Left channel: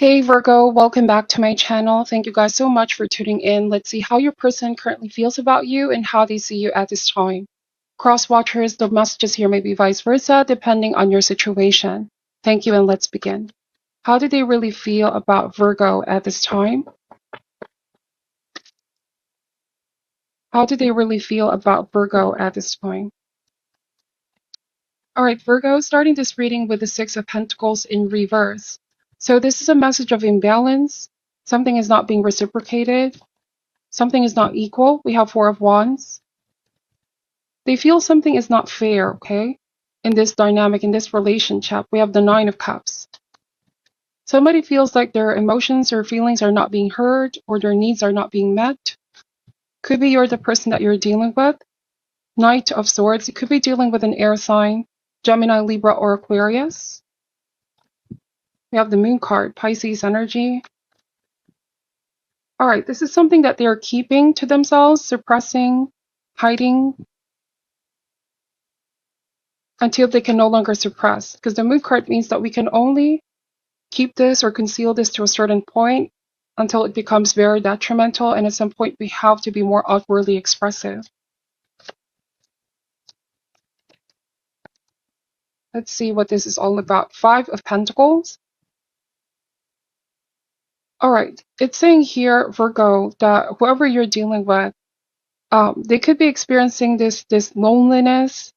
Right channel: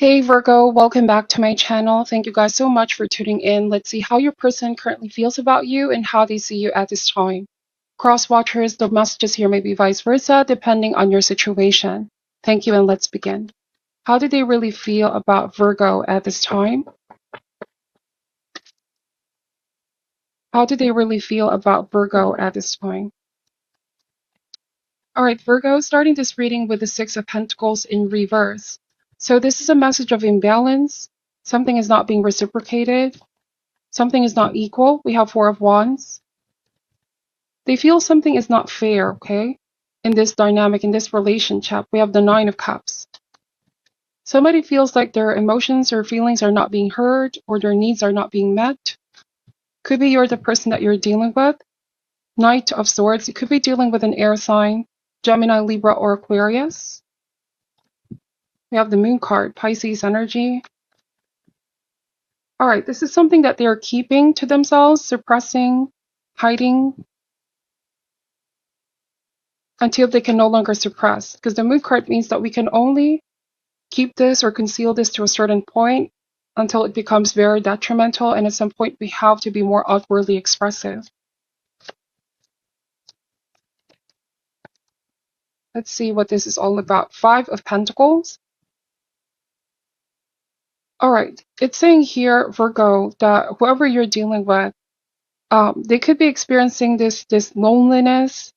Hey Virgo, welcome back to my channel. Thank you guys so much for tuning in. Let's see how your person currently feels about you and how they see you at this time. Cross watchers, the messages here may be vice versa depending on your situation. Thank you and let's begin. How do they really feel about Virgo at this time? How do they really feel about Virgo at this time? All right, Virgo, starting this reading with the Six of Pentacles in reverse. So this is a message of imbalance. Something is not being reciprocated. Something is not equal. We have Four of Wands. They feel something is not fair, okay? In this dynamic, in this relationship, we have the Nine of Cups. Somebody feels like their emotions or feelings are not being heard or their needs are not being met. Could be you're the person that you're dealing with. Knight of Swords. It could be dealing with an air sign, Gemini, Libra, or Aquarius. We have the Moon card, Pisces energy. All right, this is something that they're keeping to themselves, suppressing, hiding, until they can no longer suppress. Because the Moon card means that we can only keep this or conceal this to a certain point until it becomes very detrimental, and at some point we have to be more outwardly expressive. Let's see what this is all about. Five of Pentacles. All right, it's saying here, Virgo, that whoever you're dealing with, they could be experiencing this loneliness,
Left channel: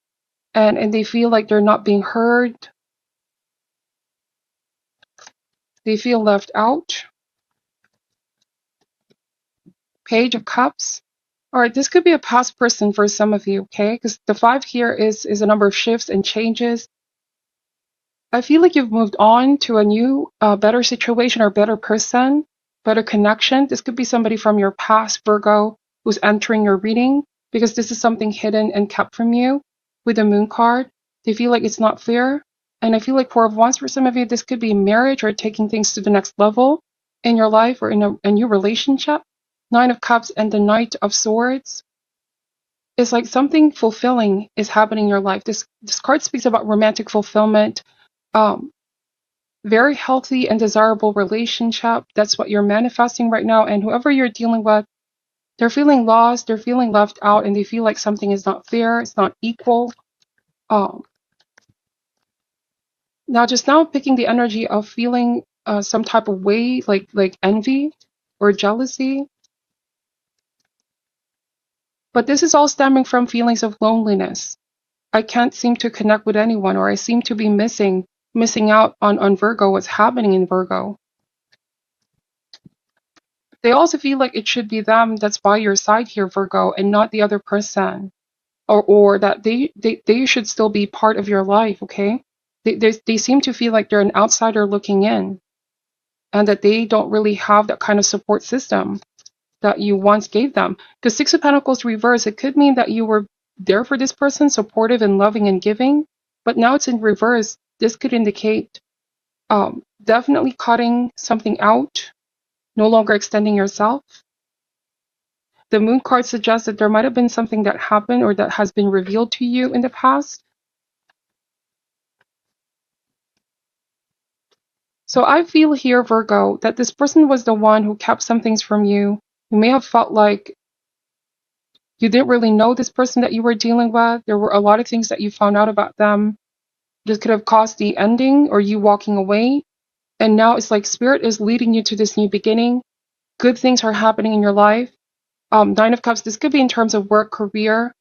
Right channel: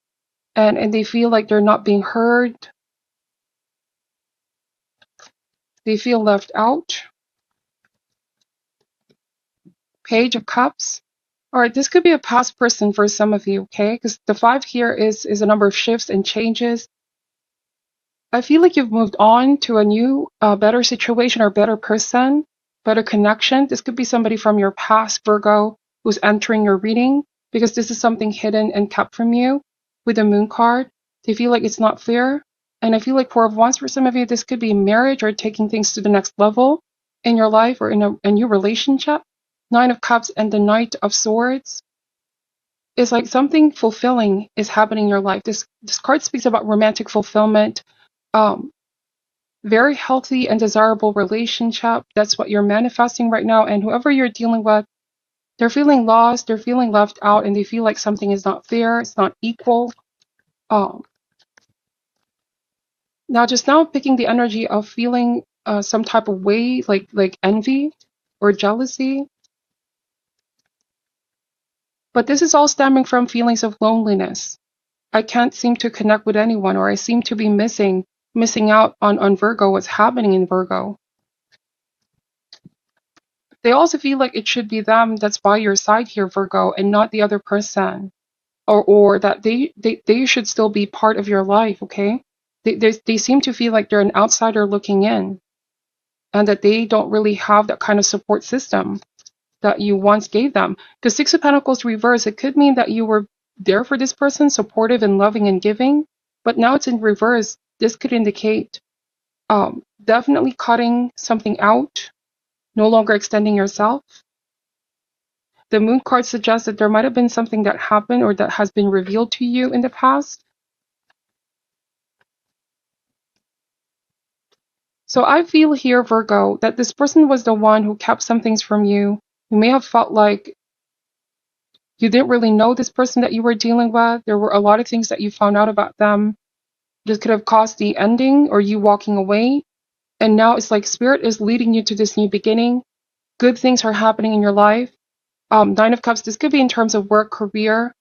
and they feel like they're not being heard. They feel left out. Page of Cups. All right, this could be a past person for some of you, okay? Because the five here is a number of shifts and changes. I feel like you've moved on to a new, better situation or better person, better connection. This could be somebody from your past, Virgo, who's entering your reading, because this is something hidden and kept from you with the Moon card. They feel like it's not fair. And I feel like Four of Wands for some of you, this could be marriage or taking things to the next level in your life or in a new relationship. Nine of Cups and the Knight of Swords. It's like something fulfilling is happening in your life. This card speaks about romantic fulfillment, um, very healthy and desirable relationship. That's what you're manifesting right now. And whoever you're dealing with, they're feeling lost, they're feeling left out, and they feel like something is not fair, it's not equal. Um, now picking the energy of feeling some type of way, like envy or jealousy. But this is all stemming from feelings of loneliness. I can't seem to connect with anyone, or I seem to be missing out on Virgo, what's happening in Virgo. They also feel like it should be them that's by your side here, Virgo, and not the other person. Or that they should still be part of your life, okay? They seem to feel like they're an outsider looking in, and that they don't really have that kind of support system that you once gave them. Because Six of Pentacles reverse, it could mean that you were there for this person, supportive and loving and giving, but now it's in reverse. This could indicate definitely cutting something out, no longer extending yourself. The Moon card suggests that there might have been something that happened or that has been revealed to you in the past. So I feel here, Virgo, that this person was the one who kept some things from you. You may have felt like you didn't really know this person that you were dealing with. There were a lot of things that you found out about them. This could have caused the ending or you walking away. And now it's like Spirit is leading you to this new beginning. Good things are happening in your life. Nine of Cups, this could be in terms of work, career,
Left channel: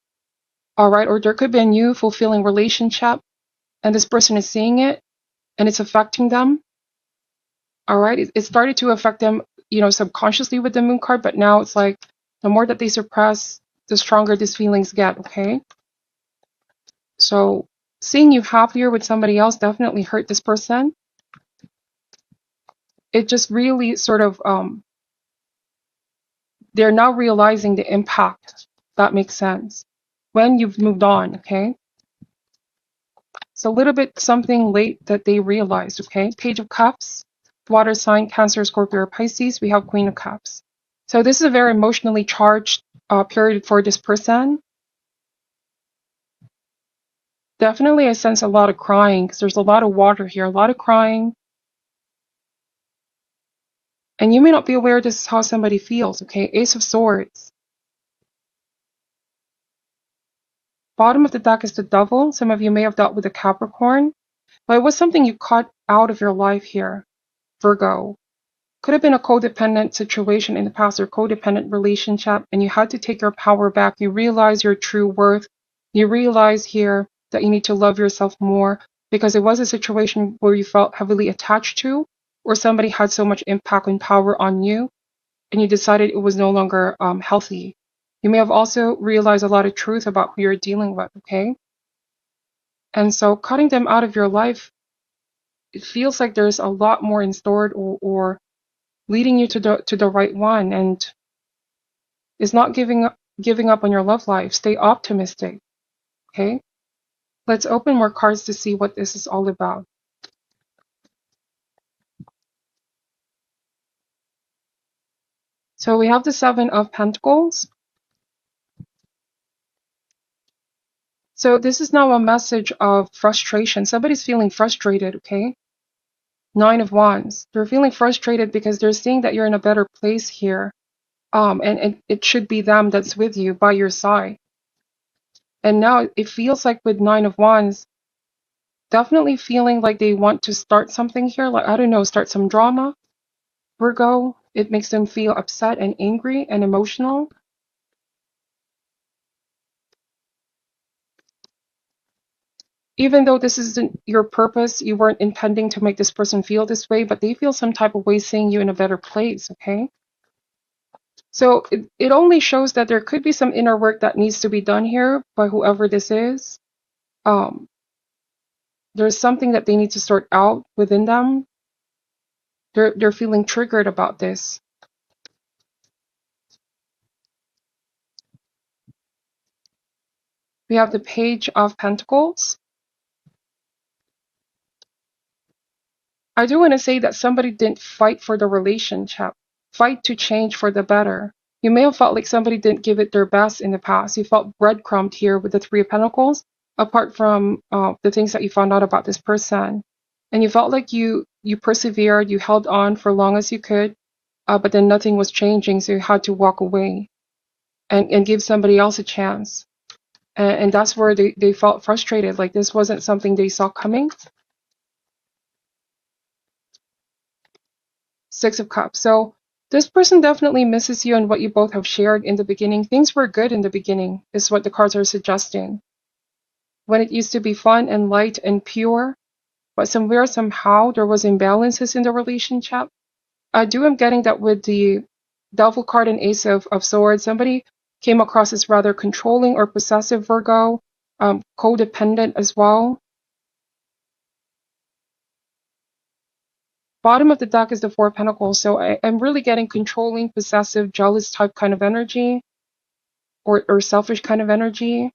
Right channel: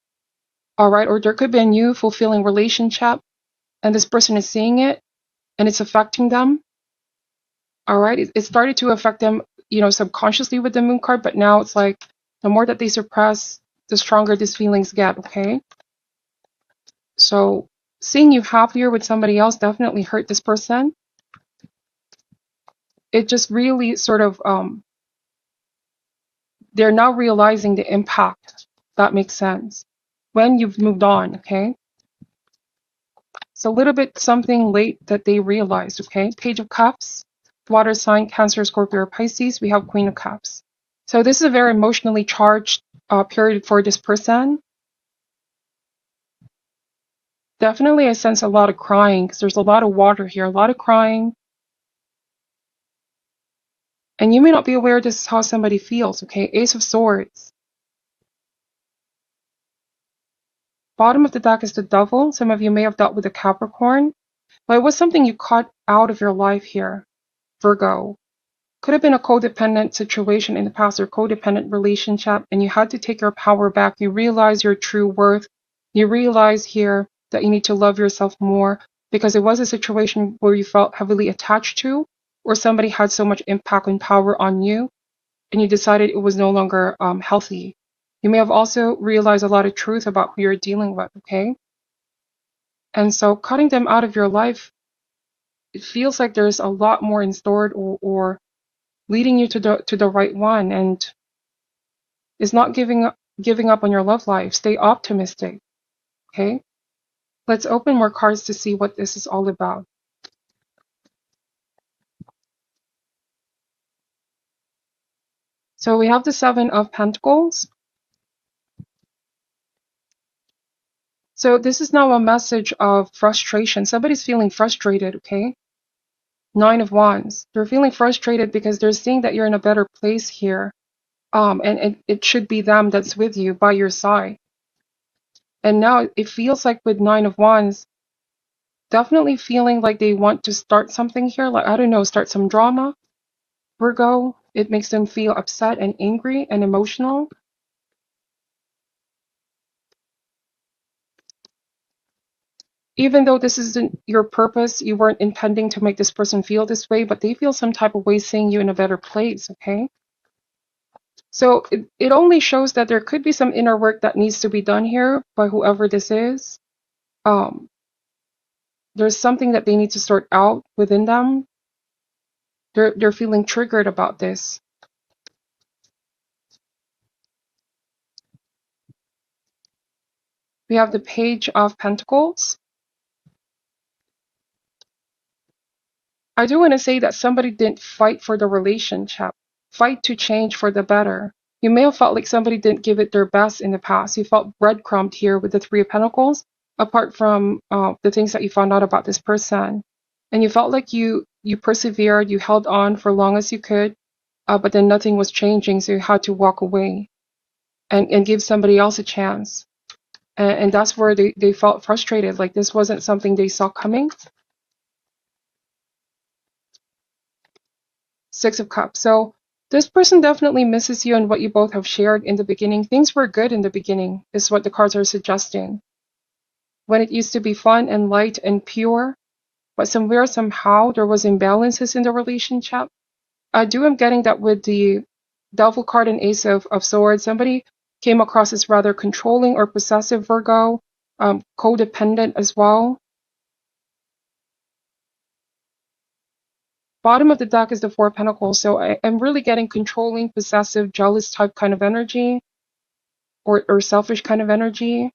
all right? Or there could be a new fulfilling relationship, and this person is seeing it, and it's affecting them, all right? It started to affect them, subconsciously with the Moon card, but now it's like the more that they suppress, the stronger these feelings get, okay? So seeing you happier with somebody else definitely hurt this person. It just really sort of, they're now realizing the impact. That makes sense. When you've moved on, okay? It's a little bit something late that they realized, okay? Page of Cups, water sign, Cancer, Scorpio, or Pisces. We have Queen of Cups. So this is a very emotionally charged period for this person. Definitely I sense a lot of crying because there's a lot of water here, a lot of crying. And you may not be aware this is how somebody feels, okay? Ace of Swords. Bottom of the deck is the Devil. Some of you may have dealt with a Capricorn, but it was something you cut out of your life here, Virgo. Could have been a codependent situation in the past or codependent relationship, and you had to take your power back. You realize your true worth. You realize here that you need to love yourself more because it was a situation where you felt heavily attached to, or somebody had so much impact and power on you, and you decided it was no longer healthy. You may have also realized a lot of truth about who you're dealing with, okay? And so cutting them out of your life, it feels like there's a lot more in store or leading you to the right one, and is not giving up on your love life. Stay optimistic, okay? Let's open more cards to see what this is all about. So we have the Seven of Pentacles. So this is now a message of frustration. Somebody's feeling frustrated, okay? Nine of Wands. They're feeling frustrated because they're seeing that you're in a better place here. And it should be them that's with you by your side. And now it feels like with Nine of Wands, definitely feeling like they want to start something here. Like, I don't know, start some drama. Virgo, it makes them feel upset and angry and emotional. Even though this isn't your purpose, you weren't intending to make this person feel this way, but they feel some type of way seeing you in a better place, okay? So it only shows that there could be some inner work that needs to be done here by whoever this is. Um, there's something that they need to sort out within them. They're feeling triggered about this. We have the Page of Pentacles. I do want to say that somebody didn't fight for the relationship, fight to change for the better. You may have felt like somebody didn't give it their best in the past. You felt breadcrumbed here with the Three of Pentacles, apart from the things that you found out about this person. And you felt like you persevered, you held on for long as you could, but then nothing was changing, so you had to walk away and give somebody else a chance. And that's where they felt frustrated, like this wasn't something they saw coming. Six of Cups. So this person definitely misses you and what you both have shared in the beginning. Things were good in the beginning, is what the cards are suggesting. When it used to be fun and light and pure, but somewhere, somehow, there was imbalances in the relationship. I do am getting that with the Devil card and Ace of Swords. Somebody came across as rather controlling or possessive, Virgo, codependent as well. Bottom of the deck is the Four of Pentacles, so I'm really getting controlling, possessive, jealous type kind of energy, or selfish kind of energy.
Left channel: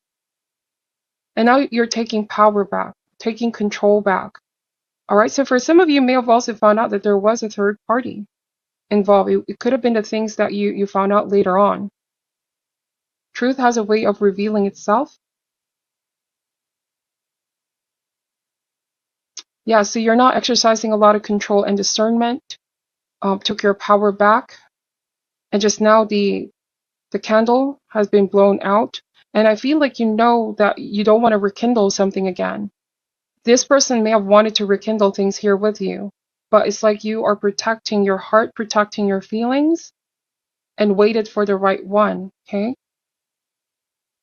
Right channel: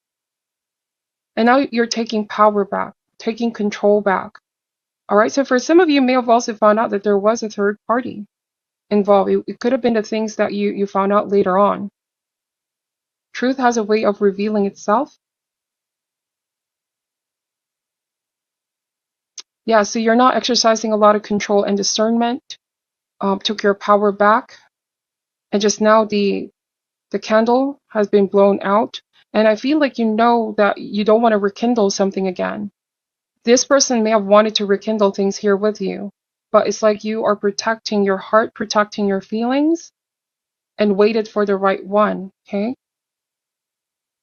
And now you're taking power back, taking control back. All right, so for some of you may have also found out that there was a third party involved. It could have been the things that you found out later on. Truth has a way of revealing itself. Yeah, so you're not exercising a lot of control and discernment. Took your power back, and just now the candle has been blown out. And I feel like you know that you don't want to rekindle something again. This person may have wanted to rekindle things here with you, but it's like you are protecting your heart, protecting your feelings, and waited for the right one, okay?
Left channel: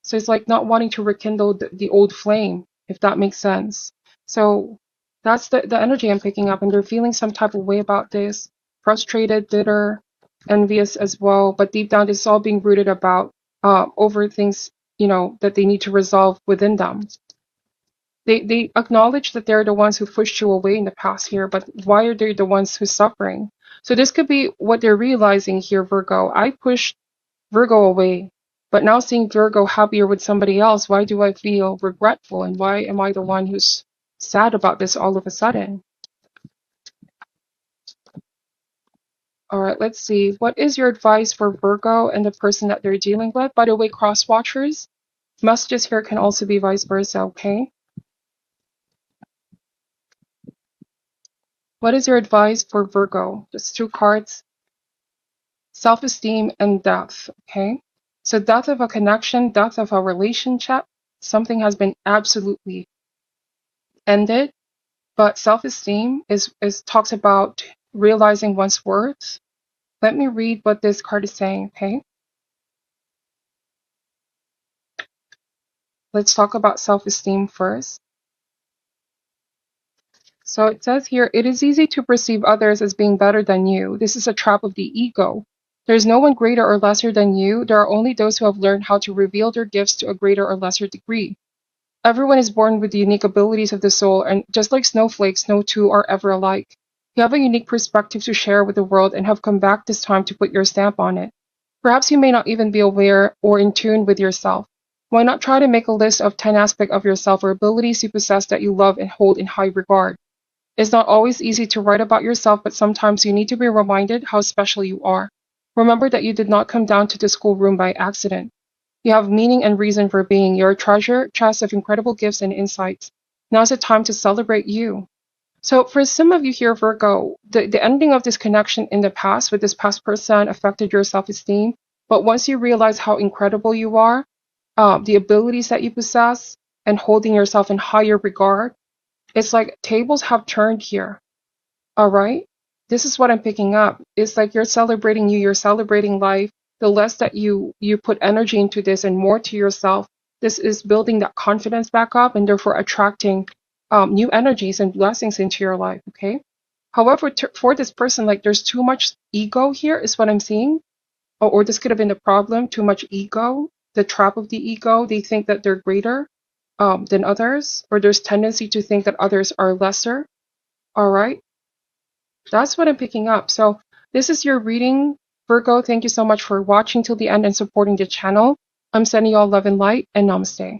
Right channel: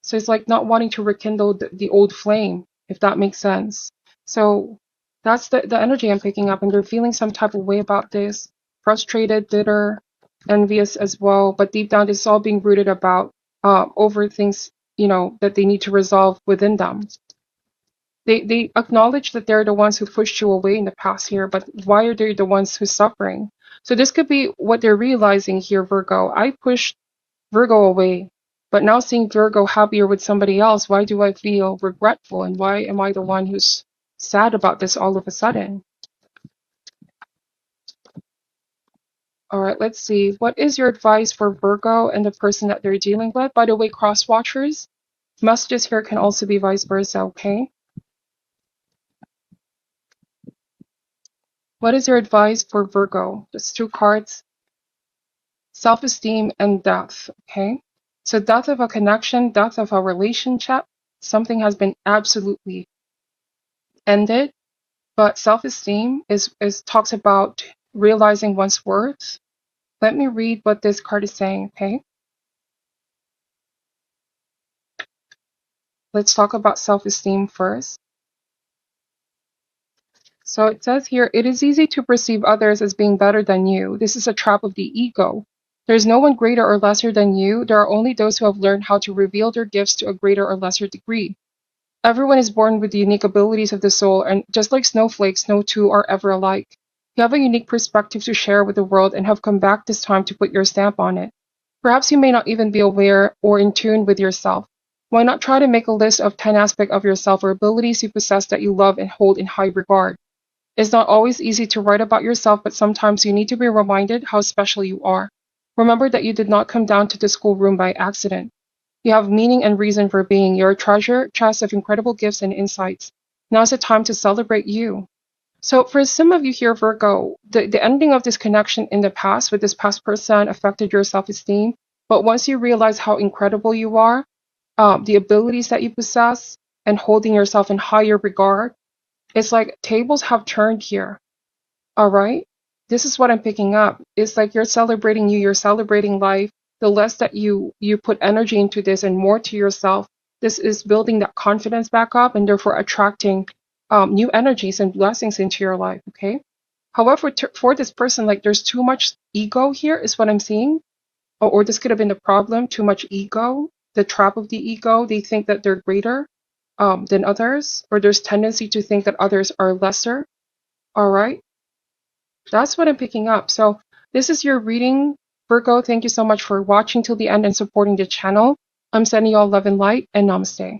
So it's like not wanting to rekindle the old flame, if that makes sense. So that's the energy I'm picking up, and they're feeling some type of way about this, frustrated, bitter, envious as well. But deep down, it's all being rooted about over things, that they need to resolve within them. They acknowledge that they're the ones who pushed you away in the past here, but why are they the ones who's suffering? So this could be what they're realizing here, Virgo. I pushed Virgo away, but now seeing Virgo happier with somebody else, why do I feel regretful? And why am I the one who's sad about this all of a sudden? All right, let's see. What is your advice for Virgo and the person that they're dealing with? By the way, cross watchers, messages here can also be vice versa, okay? What is your advice for Virgo? Just two cards. self-esteem, and death. Okay, so death of a connection, death of a relationship, something has been absolutely ended. But self-esteem is talks about realizing one's worth. Let me read what this card is saying. Okay, let's talk about self-esteem first. So it says here, it is easy to perceive others as being better than you. This is a trap of the ego. There's no one greater or lesser than you. There are only those who have learned how to reveal their gifts to a greater or lesser degree. Everyone is born with the unique abilities of the soul, and just like snowflakes, no two are ever alike. You have a unique perspective to share with the world and have come back this time to put your stamp on it. Perhaps you may not even be aware or in tune with yourself. Why not try to make a list of 10 aspects of yourself or abilities you possess that you love and hold in high regard? It's not always easy to write about yourself, but sometimes you need to be reminded how special you are. Remember that you did not come down to the schoolroom by accident. You have meaning and reason for being. You're a treasure chest of incredible gifts and insights. Now's the time to celebrate you. So for some of you here, Virgo, the ending of this connection in the past with this past person affected your self-esteem. But once you realize how incredible you are, the abilities that you possess, and holding yourself in higher regard, it's like tables have turned here. All right. This is what I'm picking up. It's like you're celebrating you, you're celebrating life. The less that you put energy into this and more to yourself, this is building that confidence back up and therefore attracting new energies and blessings into your life. Okay. However, for this person, like there's too much ego here, is what I'm seeing. Or this could have been the problem, too much ego, the trap of the ego. They think that they're greater than others, or there's tendency to think that others are lesser. All right. That's what I'm picking up. So this is your reading, Virgo. Thank you so much for watching till the end and supporting the channel. I'm sending you all love and light, and namaste.